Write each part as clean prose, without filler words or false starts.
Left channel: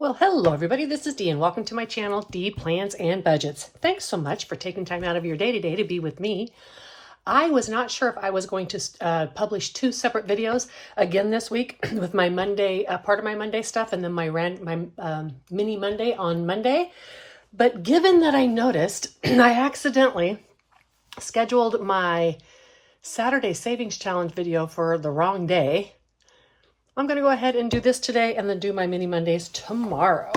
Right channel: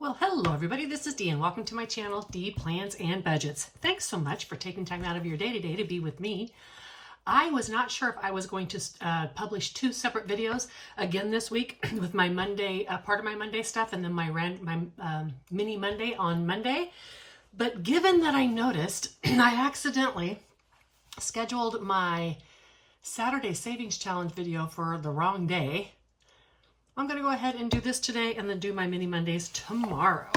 Well, hello everybody, this is Dee and welcome to my channel, Dee Plans and Budgets. Thanks so much for taking time out of your day to be with me. I was not sure if I was going to publish two separate videos again this week with my Monday, part of my Monday stuff, and then my mini Monday on Monday. But given that I noticed I accidentally scheduled my Saturday Savings Challenge video for the wrong day, I'm going to go ahead and do this today and then do my mini Mondays tomorrow.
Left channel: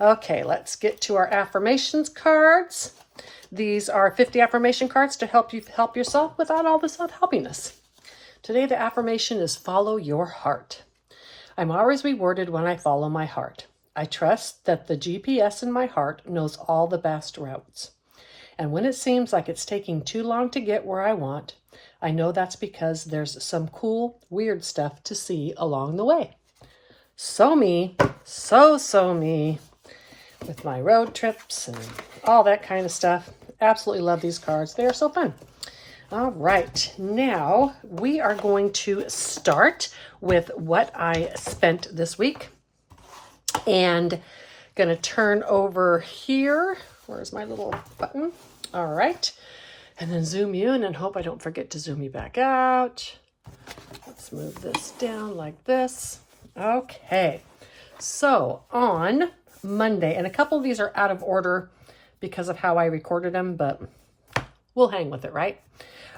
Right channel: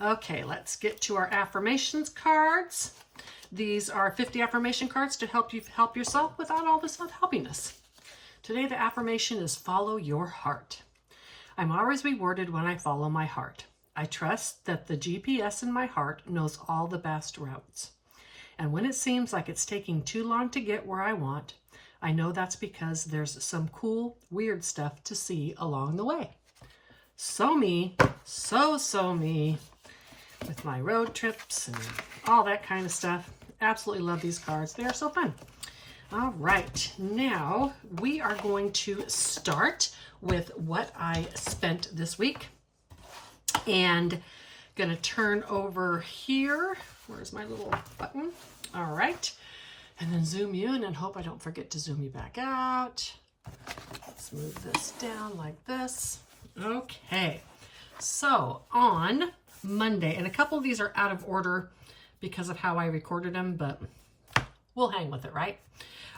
Okay, let's get to our affirmations cards. These are 50 affirmation cards to help you help yourself without all the self-helpiness. Today the affirmation is follow your heart. I'm always rewarded when I follow my heart. I trust that the GPS in my heart knows all the best routes. And when it seems like it's taking too long to get where I want, I know that's because there's some cool, weird stuff to see along the way. So me, so me, with my road trips and all that kind of stuff. Absolutely love these cards. They are so fun. All right, now we are going to start with what I spent this week. And gonna turn over here. Where's my little button? All right. And then zoom you in and hope I don't forget to zoom you back out. Let's move this down like this. Okay, so on Monday, and a couple of these are out of order because of how I recorded them, but we'll hang with it, right?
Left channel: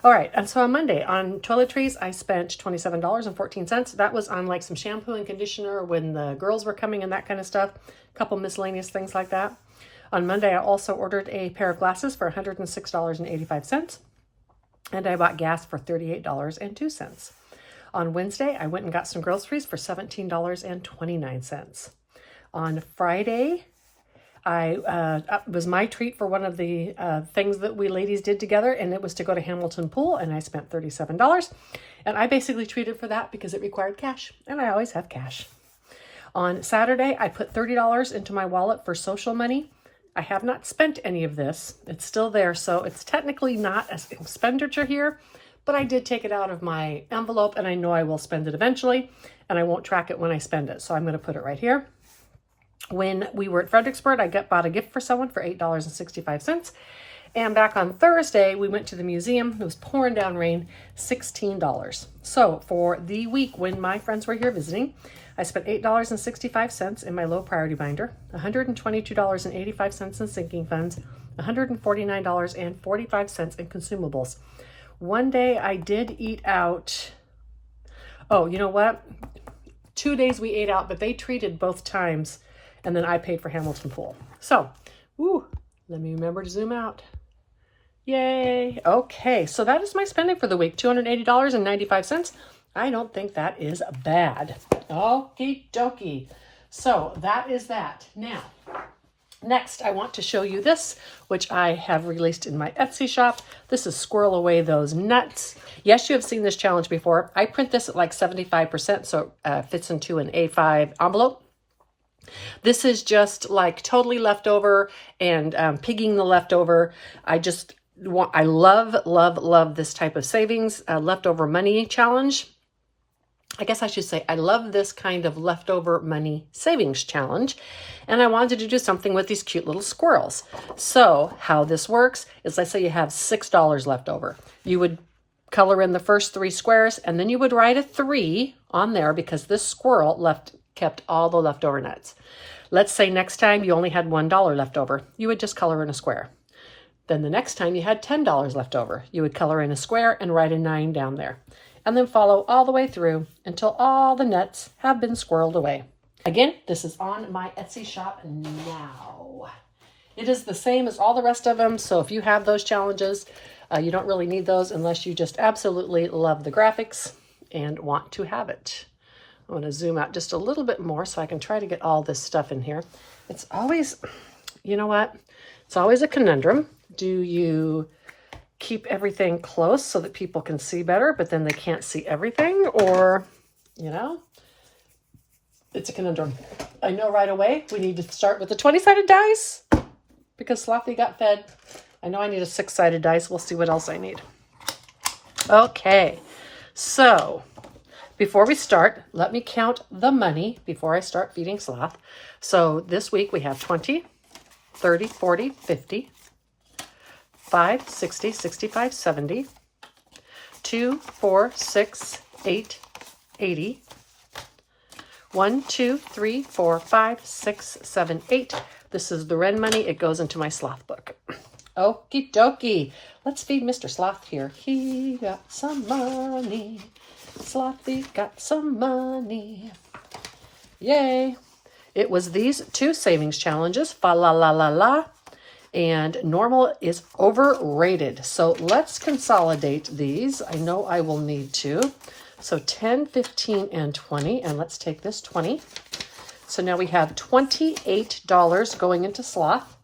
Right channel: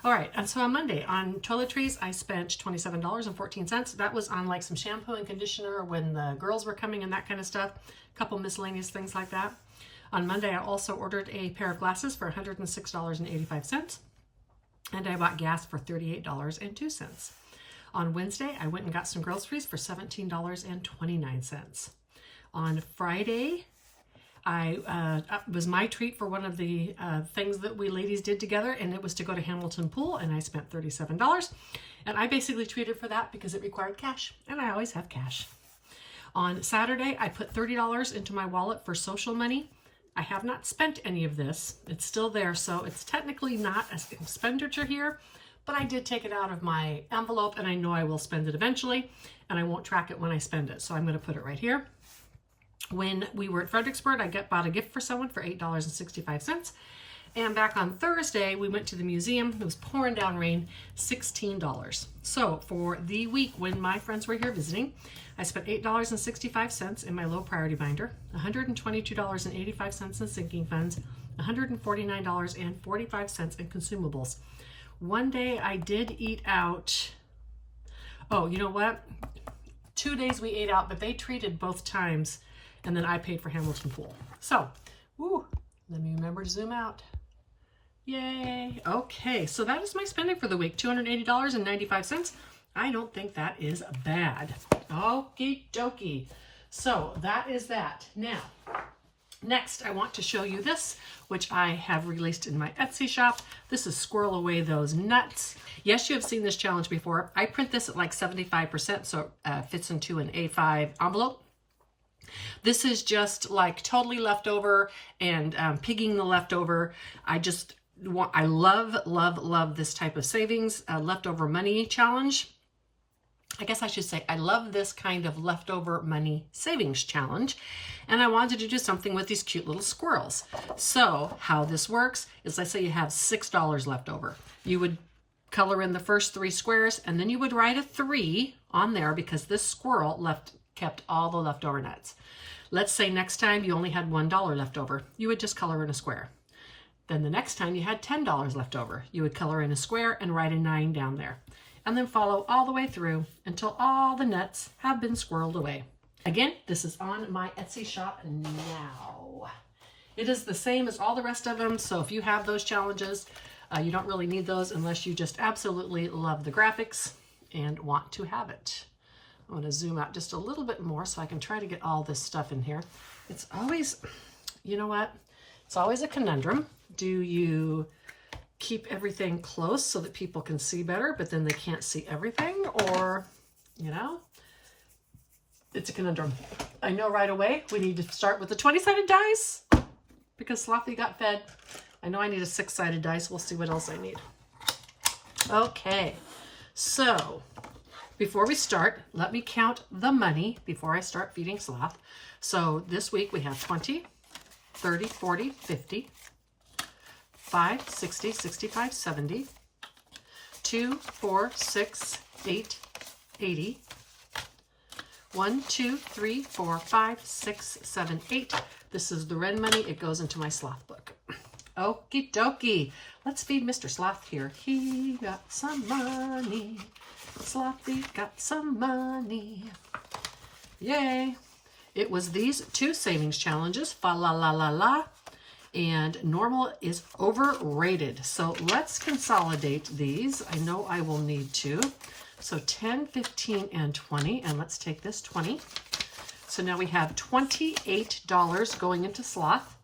All right, and so on Monday, on toiletries, I spent $27.14. That was on like some shampoo and conditioner when the girls were coming and that kind of stuff. A couple miscellaneous things like that. On Monday, I also ordered a pair of glasses for $106.85, and I bought gas for $38.02. On Wednesday, I went and got some groceries for $17.29. On Friday, it was my treat for one of the things that we ladies did together, and it was to go to Hamilton Pool, and I spent $37. And I basically treated for that because it required cash, and I always have cash. On Saturday, I put $30 into my wallet for social money. I have not spent any of this. It's still there, so it's technically not an expenditure here, but I did take it out of my envelope, and I know I will spend it eventually, and I won't track it when I spend it, so I'm going to put it right here. When we were at Fredericksburg, I bought a gift for someone for $8.65, and back on Thursday, we went to the museum. It was pouring down rain, $16. So for the week when my friends were here visiting, I spent $8.65 in my low priority binder, $122.85 in sinking funds, $149.45 in consumables. One day I did eat out. Oh, you know what? 2 days we ate out, but they treated both times, and then I paid for Hamilton Pool. So, let me remember to zoom out. Yay. Okay, so that is my spending for the week, $280.95. I don't think that is bad. Okie dokie. So that is that. Now, next I want to show you this, which I have released in my Etsy shop. This is Squirrel Away Those Nuts. Yes, you have seen this challenge before. I print this at like 75%, so it fits into an A5 envelope. This is just like totally leftover and pigging the leftover. I love this type of savings, leftover money challenge. I guess I should say I love this kind of leftover money savings challenge, and I wanted to do something with these cute little squirrels. So how this works is, let's say you have $6 left over. You would color in the first 3 squares, and then you would write a 3 on there because this squirrel kept all the leftover nuts. Let's say next time you only had $1 left over. You would just color in a square. Then the next time you had $10 left over, you would color in a square and write a 9 down there. And then follow all the way through until all the nuts have been squirreled away. Again, this is on my Etsy shop now. It is the same as all the rest of them, so if you have those challenges, you don't really need those unless you just absolutely love the graphics and want to have it. I want to zoom out just a little bit more so I can try to get all this stuff in here. It's always, you know what? It's always a conundrum. Do you keep everything close so that people can see better, but then they can't see everything? Or, you know, it's a conundrum. I know right away we need to start with the 20-sided dice because Slothy got fed. I know I need a 6-sided dice. We'll see what else I need. Okay, so before we start, let me count the money before I start feeding Sloth. So this week we have 20, 30, 40, 50, 5, 60, 65, 70, 2, 4, 6, 8, 80, 1, 2, 3, 4, 5, 6, 7, 8. This is the Wren money. It goes into my Sloth book. Okie dokie. Let's feed Mr. Sloth here. He got some money. Slothy got some money. Yay. It was these two savings challenges, fa la la la la, and normal is overrated. So let's consolidate these. I know I will need to. So 10, 15, and 20, and let's take this 20. So now we have $28 going into Sloth.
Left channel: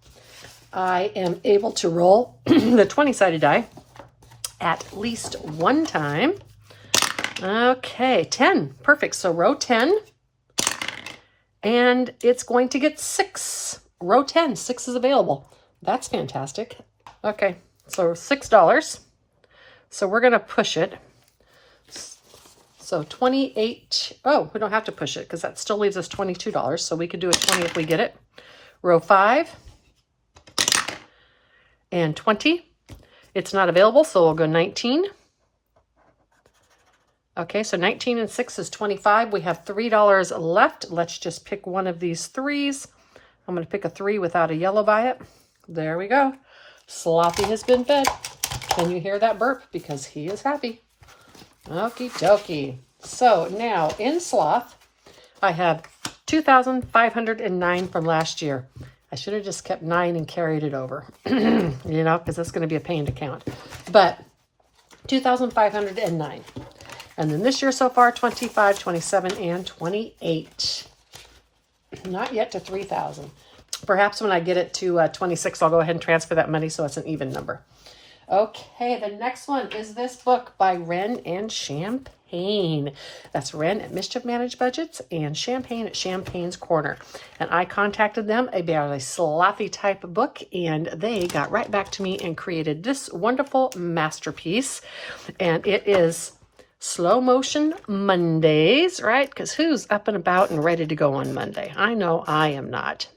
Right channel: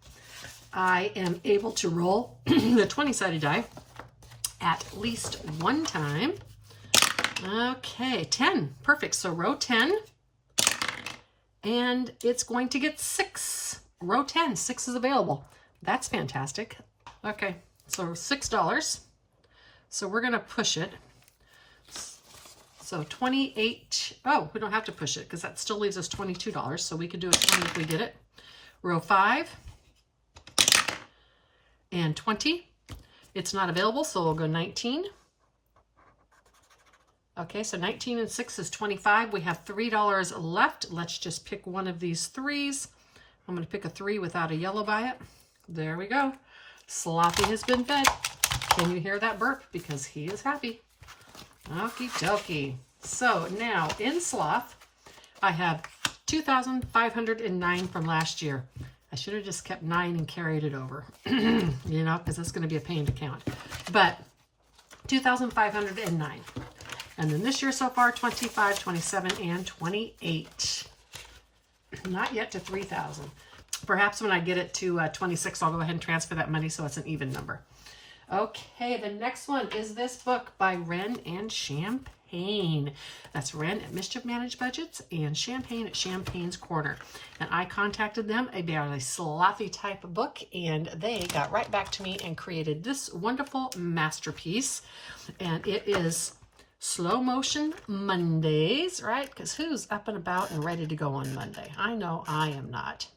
I am able to roll the 20-sided die at least one time. Okay, 10, perfect. So row 10, and it's going to get 6. Row 10, 6 is available. That's fantastic. Okay, so $6. So we're gonna push it. So 28, oh, we don't have to push it because that still leaves us $22. So we could do a 20 if we get it. Row 5 and 20. It's not available, so we'll go 19. Okay, so 19 and 6 is 25. We have $3 left. Let's just pick one of these 3s. I'm going to pick a 3 without a yellow by it. There we go. Slothy has been fed. Can you hear that burp? Because he is happy. Okie dokie. So now in Sloth, I have 2,509 from last year. I should have just kept 9 and carried it over, you know, because that's going to be a pain to count. But 2,509. And then this year so far, 25, 27, and 28. Not yet to 3,000. Perhaps when I get it to 26, I'll go ahead and transfer that money so it's an even number. Okay, the next one is this book by Wren and Champagne. That's Wren at Mischief Managed Budgets and Champagne at Champagne's Corner. And I contacted them about a slothy type of book, and they got right back to me and created this wonderful masterpiece. And it is Slow Motion Mondays, right? Because who's up and about and ready to go on Monday? I know I am not.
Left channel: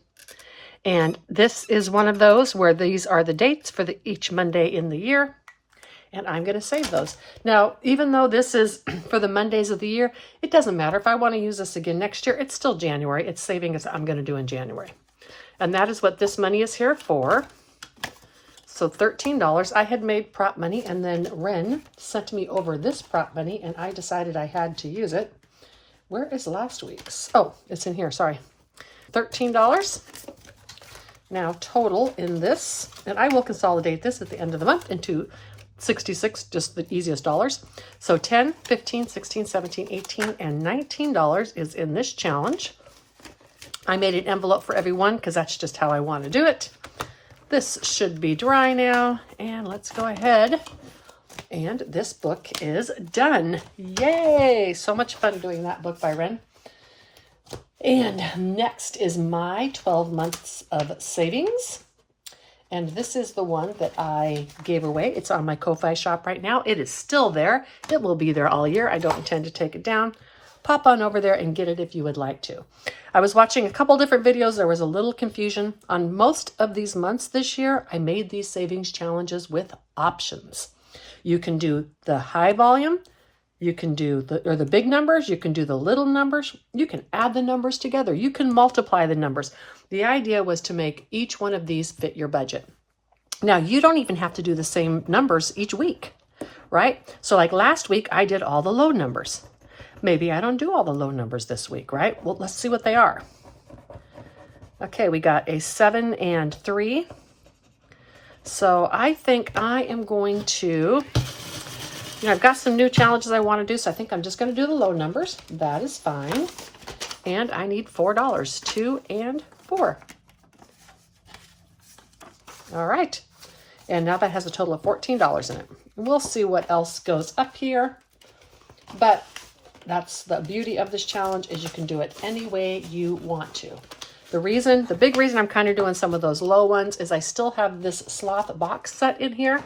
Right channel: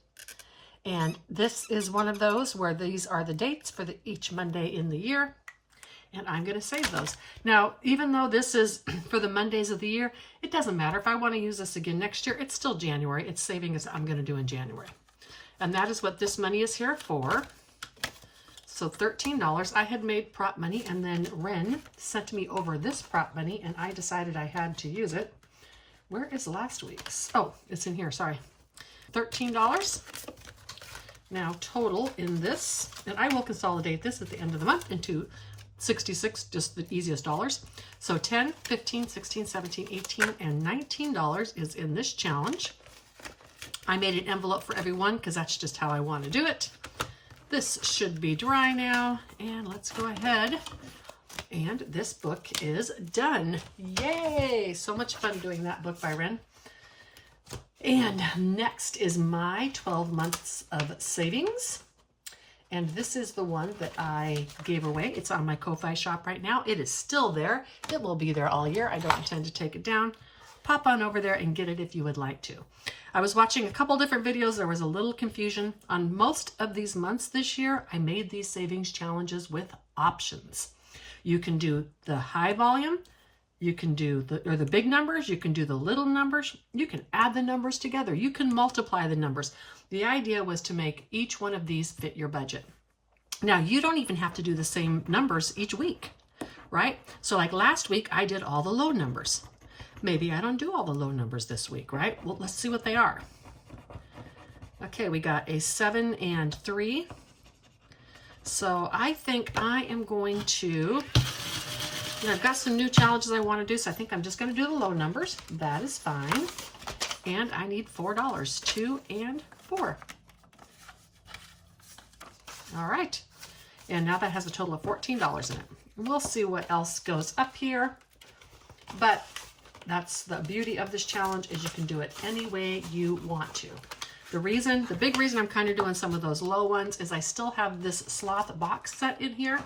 And this is one of those where these are the dates for each Monday in the year. And I'm going to save those. Now, even though this is for the Mondays of the year, it doesn't matter. If I want to use this again next year, it's still January. It's saving as I'm going to do in January. And that is what this money is here for. So $13. I had made prop money, and then Wren sent me over this prop money, and I decided I had to use it. Where is last week's? Oh, it's in here. Sorry. $13. Now total in this, and I will consolidate this at the end of the month into 66, just the easiest dollars. So 10, 15, 16, 17, 18, and $19 is in this challenge. I made an envelope for everyone because that's just how I want to do it. This should be dry now, and let's go ahead. And this book is done. Yay! So much fun doing that book by Wren. And next is my 12 months of savings. And this is the one that I gave away. It's on my Ko-Fi shop right now. It is still there. It will be there all year. I don't intend to take it down. Pop on over there and get it if you would like to. I was watching a couple different videos. There was a little confusion. On most of these months this year, I made these savings challenges with options. You can do the high volume. You can do the big numbers. You can do the little numbers. You can add the numbers together. You can multiply the numbers. The idea was to make each one of these fit your budget. Now, you don't even have to do the same numbers each week, right? So like last week, I did all the low numbers. Maybe I don't do all the low numbers this week, right? Well, let's see what they are. Okay, we got a 7 and 3. So I think I am going to... I've got some new challenges I want to do, so I think I'm just going to do the low numbers. That is fine. And I need $4, 2 and 4. All right. And now that has a total of $14 in it. We'll see what else goes up here. But that's the beauty of this challenge, is you can do it any way you want to. The big reason I'm kind of doing some of those low ones is I still have this Sloth box set in here,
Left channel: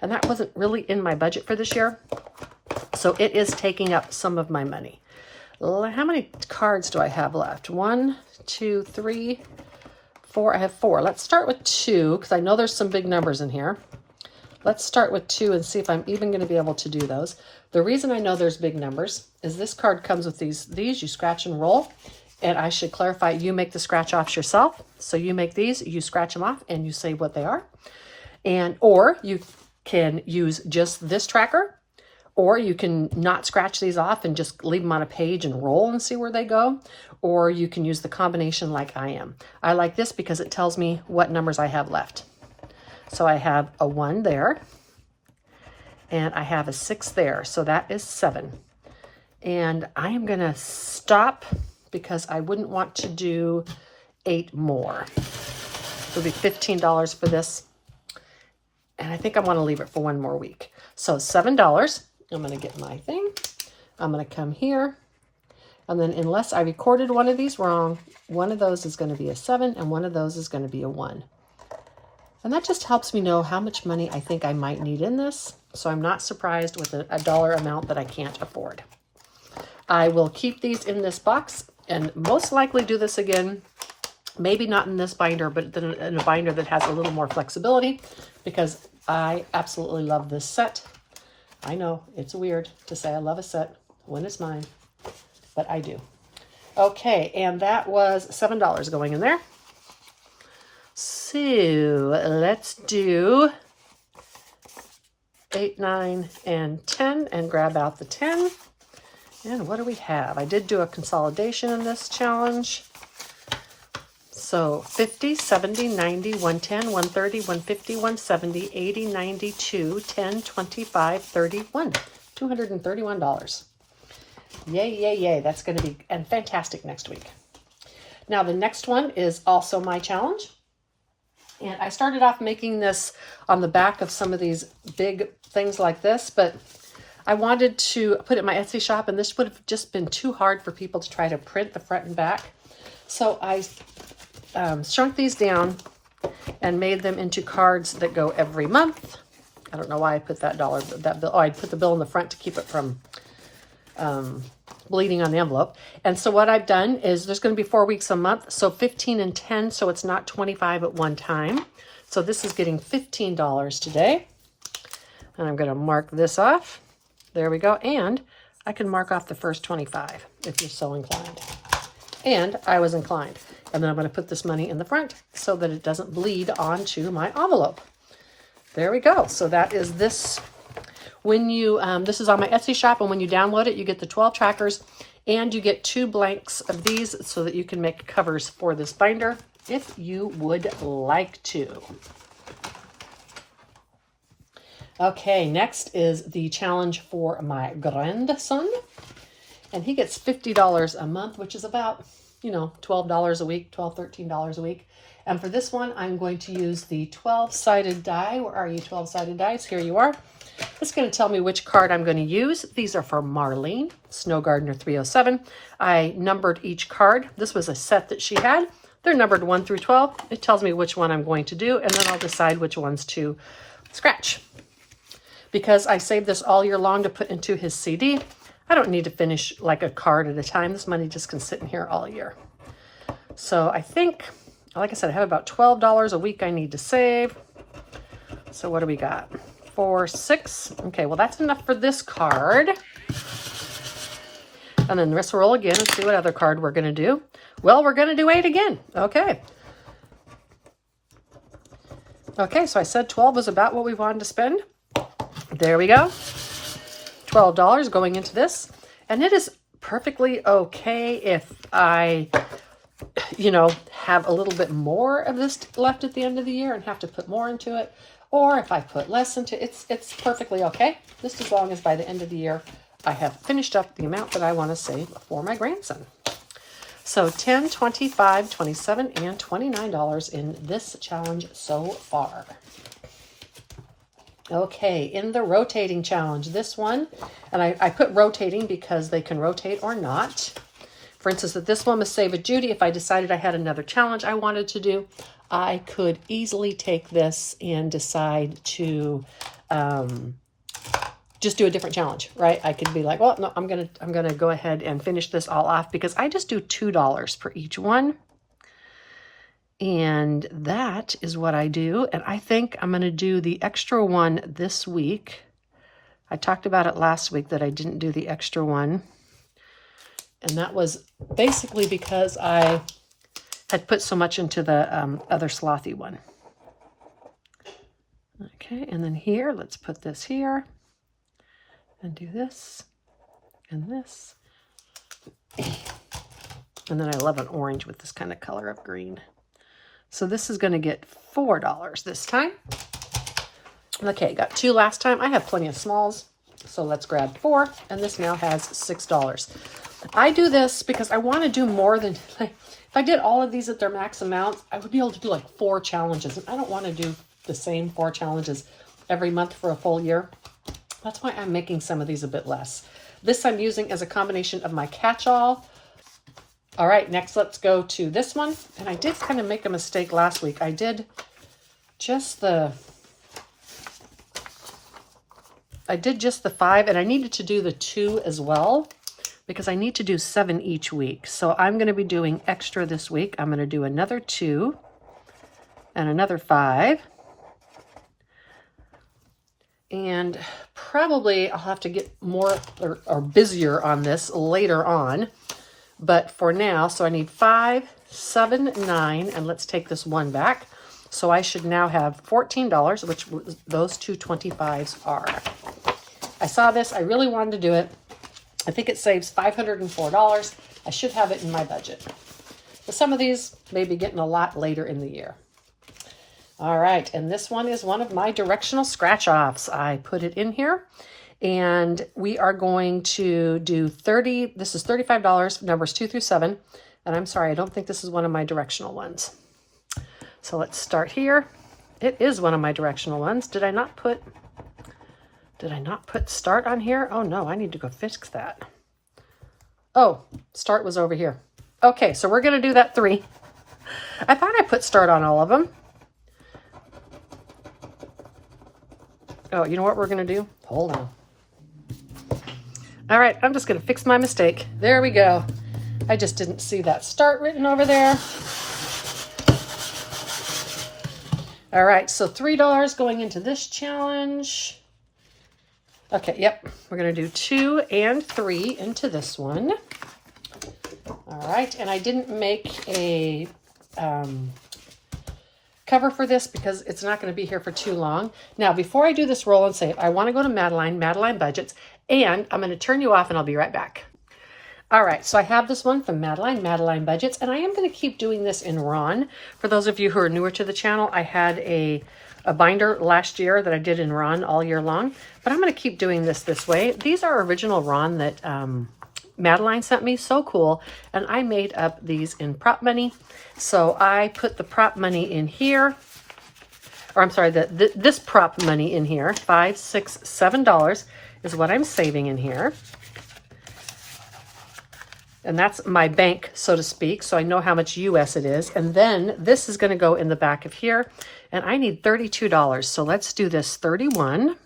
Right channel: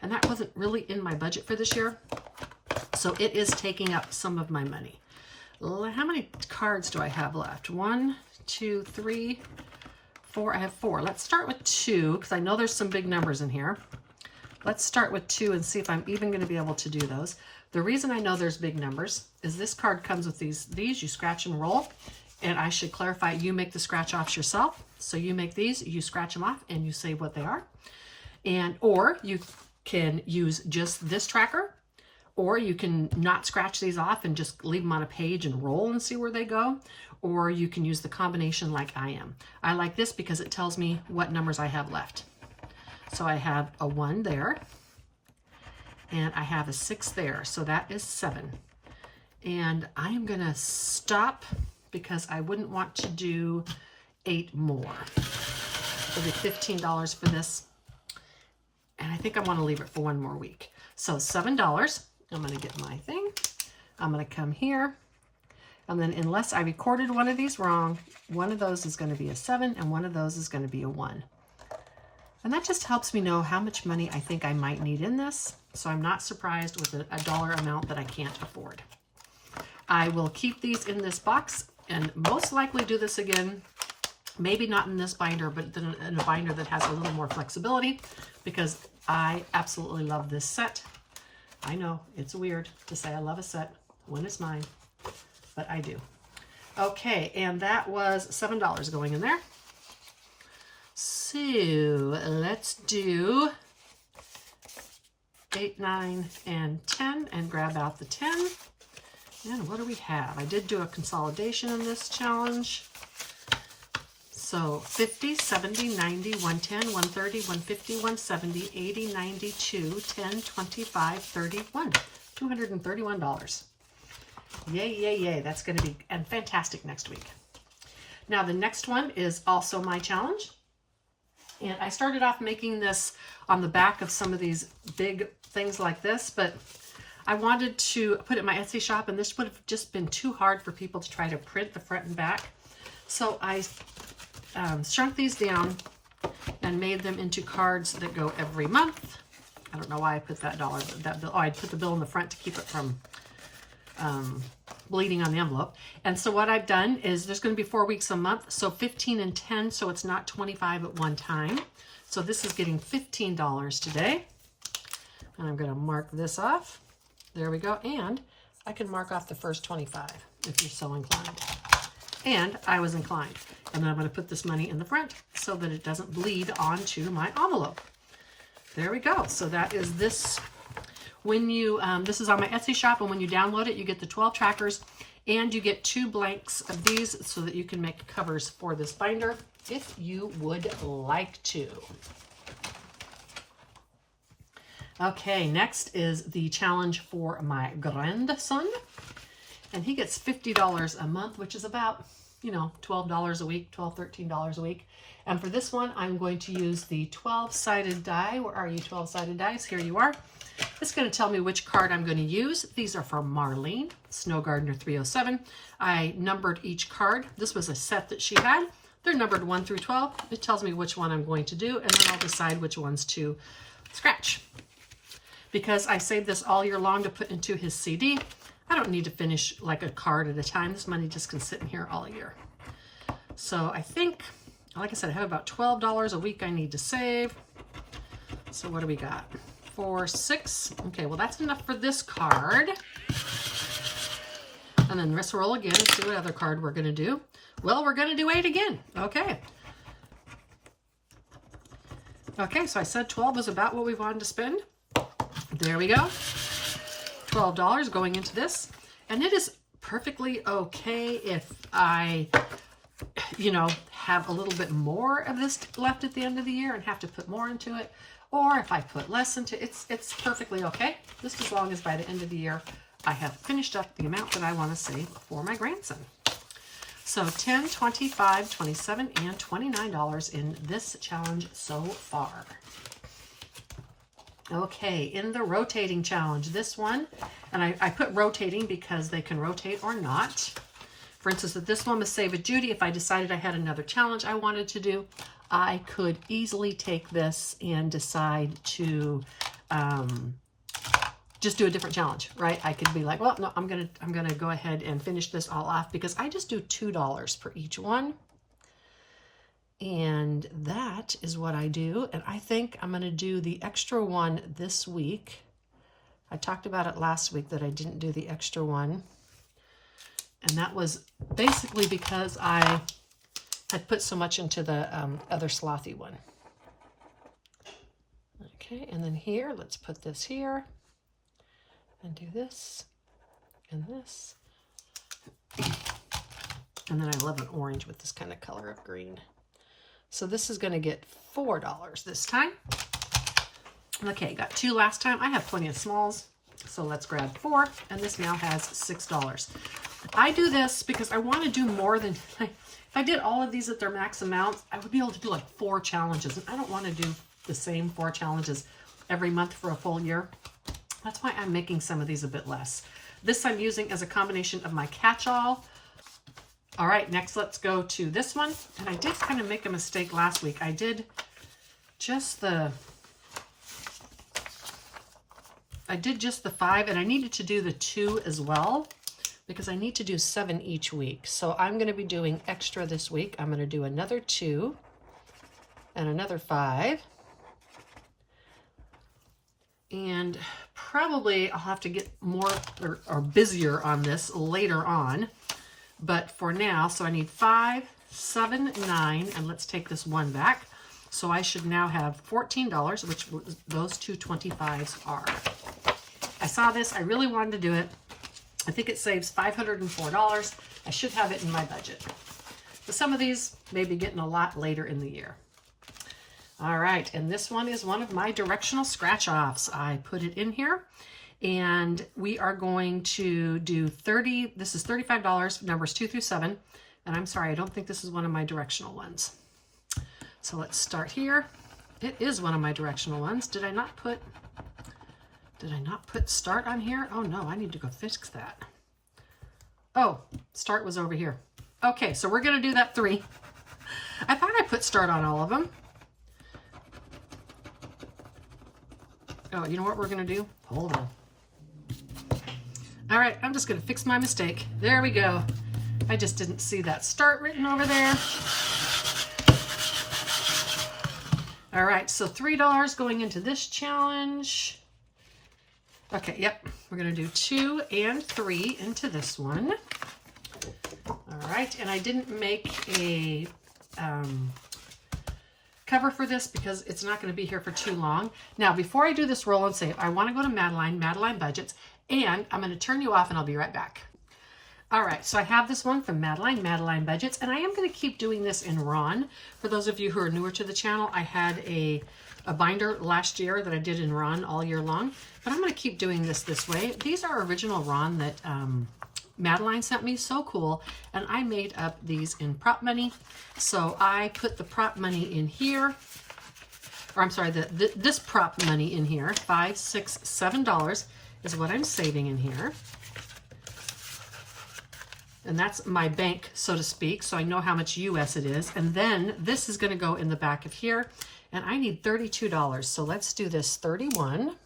and that wasn't really in my budget for this year. So it is taking up some of my money. How many cards do I have left? 1, 2, 3, 4. I have 4. Let's start with 2 because I know there's some big numbers in here. Let's start with 2 and see if I'm even going to be able to do those. The reason I know there's big numbers is this card comes with these you scratch and roll. And I should clarify, you make the scratch offs yourself. So you make these, you scratch them off, and you say what they are. Or you can use just this tracker, or you can not scratch these off and just leave them on a page and roll and see where they go. Or you can use the combination like I am. I like this because it tells me what numbers I have left. So I have a 1 there, and I have a 6 there. So that is 7. And I am gonna stop because I wouldn't want to do 8 more. It would be $15 for this. And I think I want to leave it for 1 more week. So $7. I'm going to get my thing. I'm going to come here. And then unless I recorded one of these wrong, one of those is going to be a 7 and one of those is going to be a 1. And that just helps me know how much money I think I might need in this. So I'm not surprised with a dollar amount that I can't afford. I will keep these in this box and most likely do this again, maybe not in this binder, but in a binder that has a little more flexibility, because I absolutely love this set. I know it's weird to say I love a set when it's mine, but I do. Okay, and that was $7 going in there. So let's do 8, 9, and 10 and grab out the 10. And what do we have? I did do a consolidation in this challenge. So 50, 70, 90, 110, 130, 150, 170, 80, 92, 10, 25, 31. $231. Yay, yay, yay. That's going to be fantastic next week. Now the next one is also my challenge. And I started off making this on the back of some of these big things like this, but I wanted to put it in my Etsy shop, and this would have just been too hard for people to try to print the front and back. So I shrunk these down and made them into cards that go every month. I don't know why I put that bill. Oh, I put the bill in the front to keep it from bleeding on the envelope. And so what I've done is there's going to be 4 weeks a month, so 15 and 10, so it's not 25 at one time. So this is getting $15 today. And I'm going to mark this off. There we go. And I can mark off the first 25 if you're so inclined. And I was inclined. And then I'm going to put this money in the front so that it doesn't bleed onto my envelope. There we go. So that is this. When you, this is on my Etsy shop, and when you download it, you get the 12 trackers, and you get 2 blanks of these so that you can make covers for this binder if you would like to. Okay, next is the challenge for my grandson, and he gets $50 a month, which is about, $12 a week, $12, $13 a week. And for this one, I'm going to use the 12-sided die. Where are you, 12-sided dice? Here you are. It's going to tell me which card I'm going to use. These are for Marlene, Snow Gardener 307. I numbered each card. This was a set that she had. They're numbered 1 through 12. It tells me which one I'm going to do, and then I'll decide which ones to scratch. Because I saved this all year long to put into his CD, I don't need to finish like a card at a time. This money just can sit in here all year. So I think, like I said, I have about $12 a week I need to save. So what do we got? 4, 6. Okay, well that's enough for this card. And then let's roll again and see what other card we're going to do. Well, we're going to do 8 again. Okay. Okay, so I said 12 was about what we wanted to spend. There we go. $12 going into this. And it is perfectly okay if I, have a little bit more of this left at the end of the year and have to put more into it. Or if I put less into it, it's perfectly okay. Just as long as by the end of the year, I have finished up the amount that I want to save for my grandson. So $10, $25, $27, and $29 in this challenge so far. Okay, in the rotating challenge, this one, and I put rotating because they can rotate or not. For instance, if this one was Save It Judy, if I decided I had another challenge I wanted to do, I could easily take this and decide to just do a different challenge, right? I could be like, well, no, I'm gonna go ahead and finish this all off because I just do $2 for each one. And that is what I do. And I think I'm gonna do the extra one this week. I talked about it last week that I didn't do the extra one. And that was basically because I had put so much into the other slothy one. Okay, and then here, let's put this here and do this and this. And then I love an orange with this kind of color of green. So this is going to get $4 this time. Okay, got 2 last time. I have plenty of smalls, so let's grab 4, and this now has $6. I do this because I want to do more than, like, if I did all of these at their max amount, I would be able to do like 4 challenges, and I don't want to do the same 4 challenges every month for a full year. That's why I'm making some of these a bit less. This I'm using as a combination of my catch-all. All right, next let's go to this one. And I did kind of make a mistake last week. I did just the 5, and I needed to do the 2 as well because I need to do 7 each week. So I'm going to be doing extra this week. I'm going to do another 2 and another 5. And probably I'll have to get more or busier on this later on. But for now, so I need 5, 7, 9, and let's take this 1 back. So I should now have $14, which those 2 25s are. I saw this, I really wanted to do it. I think it saves $504. I should have it in my budget. But some of these may be getting a lot later in the year. All right, and this one is one of my directional scratch-offs. I put it in here. And we are going to do this is $35, numbers 2 through 7. And I'm sorry, I don't think this is one of my directional ones. So let's start here. It is one of my directional ones. Did I not put start on here? Oh no, I need to go fix that. Oh, start was over here. Okay, so we're gonna do that 3. I thought I put start on all of them. Oh, you know what we're gonna do? Hold on. All right, I'm just gonna fix my mistake. There we go. I just didn't see that start written over there. All right, so $3 going into this challenge. Okay, yep, we're gonna do 2 and 3 into this one. All right, and I didn't make a cover for this because it's not gonna be here for too long. Now, before I do this roll and save, I wanna go to Madeline Budgets, and I'm gonna turn you off and I'll be right back. All right, so I have this one from Madeline Budgets, and I am gonna keep doing this in Ron. For those of you who are newer to the channel, I had a binder last year that I did in Ron all year long, but I'm gonna keep doing this way. These are original Ron that Madeline sent me, so cool, and I made up these in prop money. So I put the prop money in here, or I'm sorry, this prop money in here, $5, $6, $7 is what I'm saving in here. And that's my bank, so to speak, so I know how much US it is. And then this is gonna go in the back of here, and I need $32. So let's do this 31.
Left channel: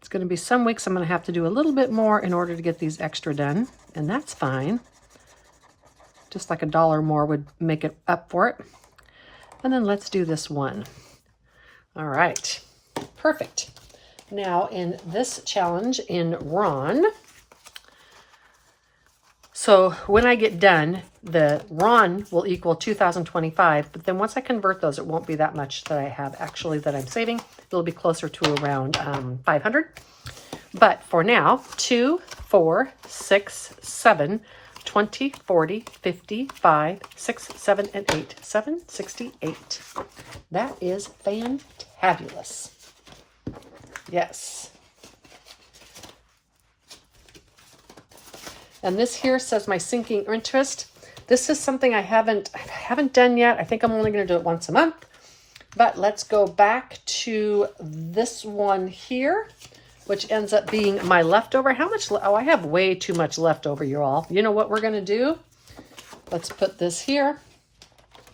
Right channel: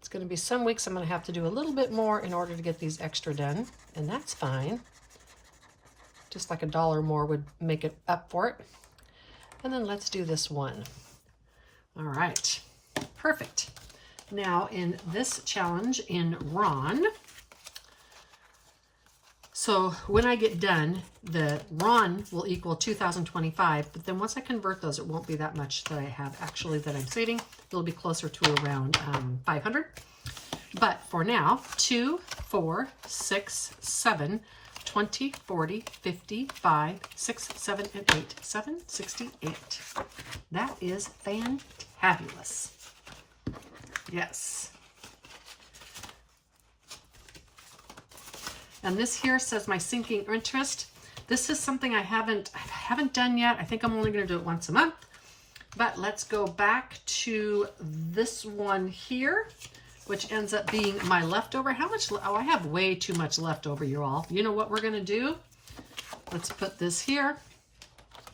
It's gonna be some weeks I'm gonna have to do a little bit more in order to get these extra done, and that's fine. Just like $1 more would make it up for it. And then let's do this 1. All right, perfect. Now in this challenge in Ron, so when I get done, the Ron will equal 2,025, but then once I convert those, it won't be that much that I have actually that I'm saving. It'll be closer to around 500. But for now, 2, 4, 6, 7, 20, 40, 50, 5, 6, 7, and 8. 768. That is fantabulous. Yes. And this here says my sinking interest. This is something I haven't done yet. I think I'm only going to do it once a month. But let's go back to this one here, which ends up being my leftover. How much? Oh, I have way too much leftover, you all. You know what we're going to do? Let's put this here.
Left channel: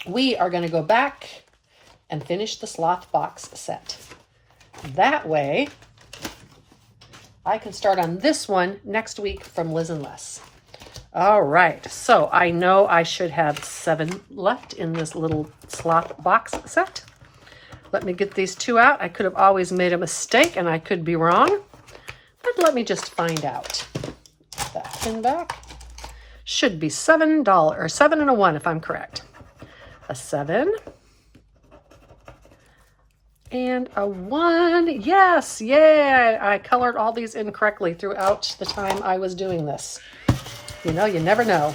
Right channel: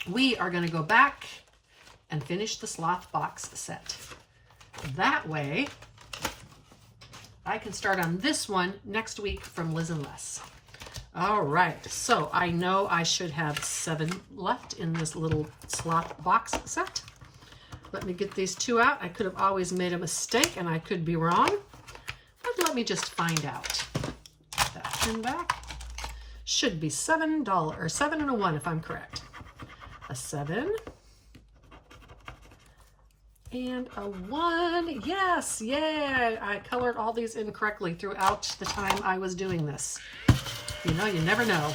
We are going to go back and finish the sloth box set. That way, I can start on this one next week from Liz and Les. All right, so I know I should have 7 left in this little slop box set. Let me get these 2 out. I could have always made a mistake and I could be wrong, but let me just find out. Put that pin back. Should be $7, or 7 and a 1 if I'm correct. A 7 and a 1. Yes, yay! I colored all these incorrectly throughout the time I was doing this. You know, you never know.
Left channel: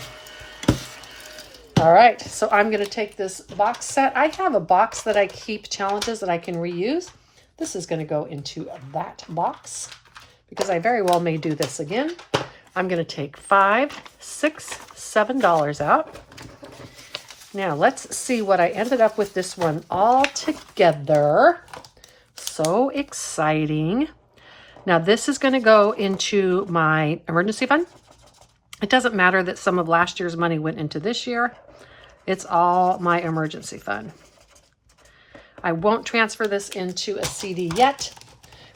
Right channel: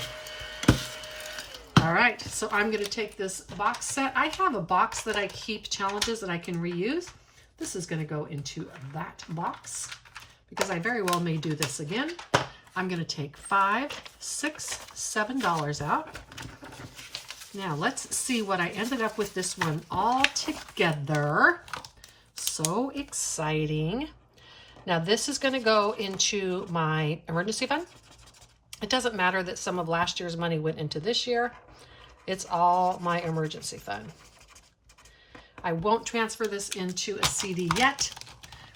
All right, so I'm going to take this box set. I have a box that I keep challenges that I can reuse. This is going to go into that box because I very well may do this again. I'm going to take $5, $6, $7 out. Now let's see what I ended up with this one all together. So exciting. Now this is going to go into my emergency fund. It doesn't matter that some of last year's money went into this year. It's all my emergency fund. I won't transfer this into a CD yet.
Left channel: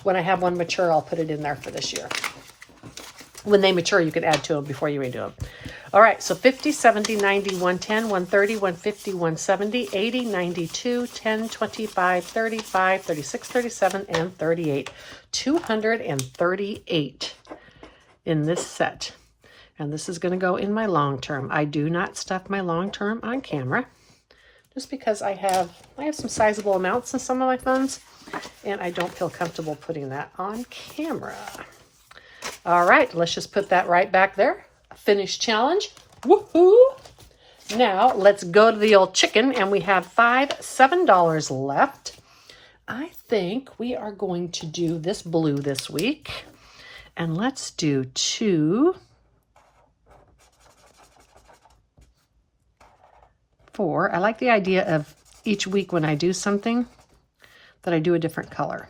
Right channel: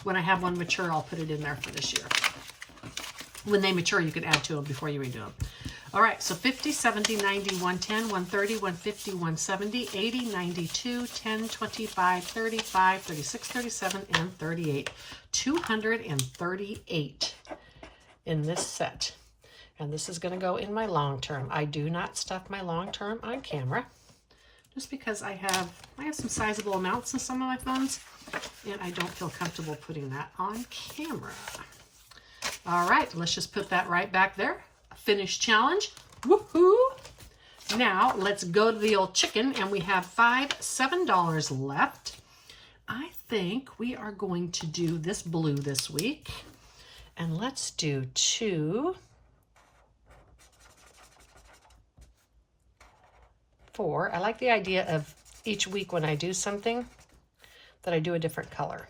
When I have one mature, I'll put it in there for this year. When they mature, you can add to them before you redo them. All right, so 50, 70, 90, 110, 130, 150, 170, 80, 92, 10, 25, 35, 36, 37, and 38. 238 in this set. And this is going to go in my long term. I do not stuff my long term on camera just because I have some sizable amounts in some of my funds and I don't feel comfortable putting that on camera. All right, let's just put that right back there. Finished challenge. Woohoo! Now let's go to the old chicken and we have $5, $7 left. I think we are going to do this blue this week. And let's do 2, 4. I like the idea of each week when I do something that I do a different color.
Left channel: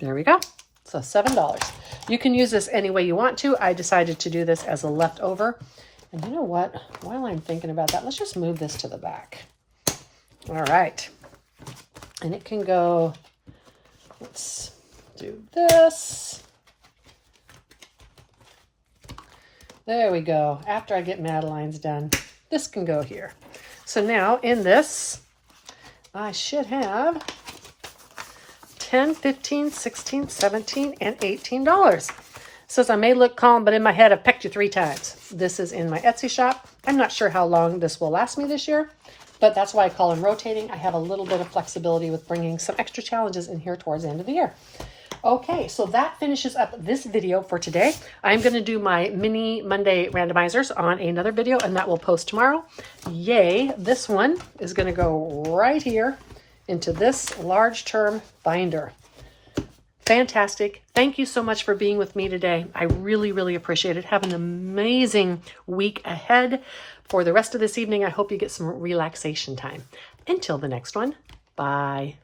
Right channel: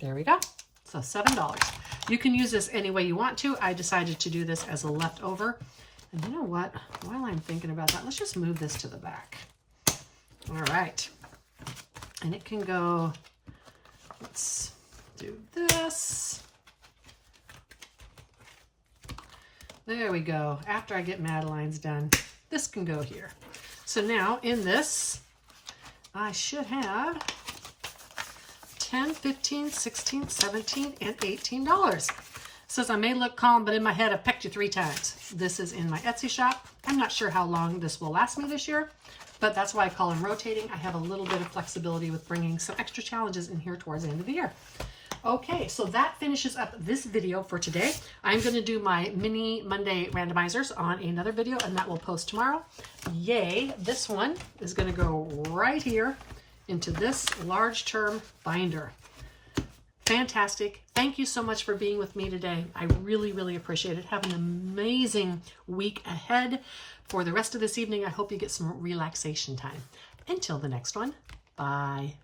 There we go. So $7. You can use this any way you want to. I decided to do this as a leftover. And you know what? While I'm thinking about that, let's just move this to the back. All right. And it can go, let's do this. There we go. After I get Madeline's done, this can go here. So now in this, I should have 10, 15, 16, 17, and $18. Says I may look calm, but in my head I've pecked you 3 times. This is in my Etsy shop. I'm not sure how long this will last me this year, but that's why I call them rotating. I have a little bit of flexibility with bringing some extra challenges in here towards the end of the year. Okay, so that finishes up this video for today. I'm going to do my mini Monday randomizers on another video, and that will post tomorrow. Yay, this one is going to go right here into this large term binder. Fantastic. Thank you so much for being with me today. I really, really appreciate it. Have an amazing week ahead. For the rest of this evening, I hope you get some relaxation time. Until the next one, bye.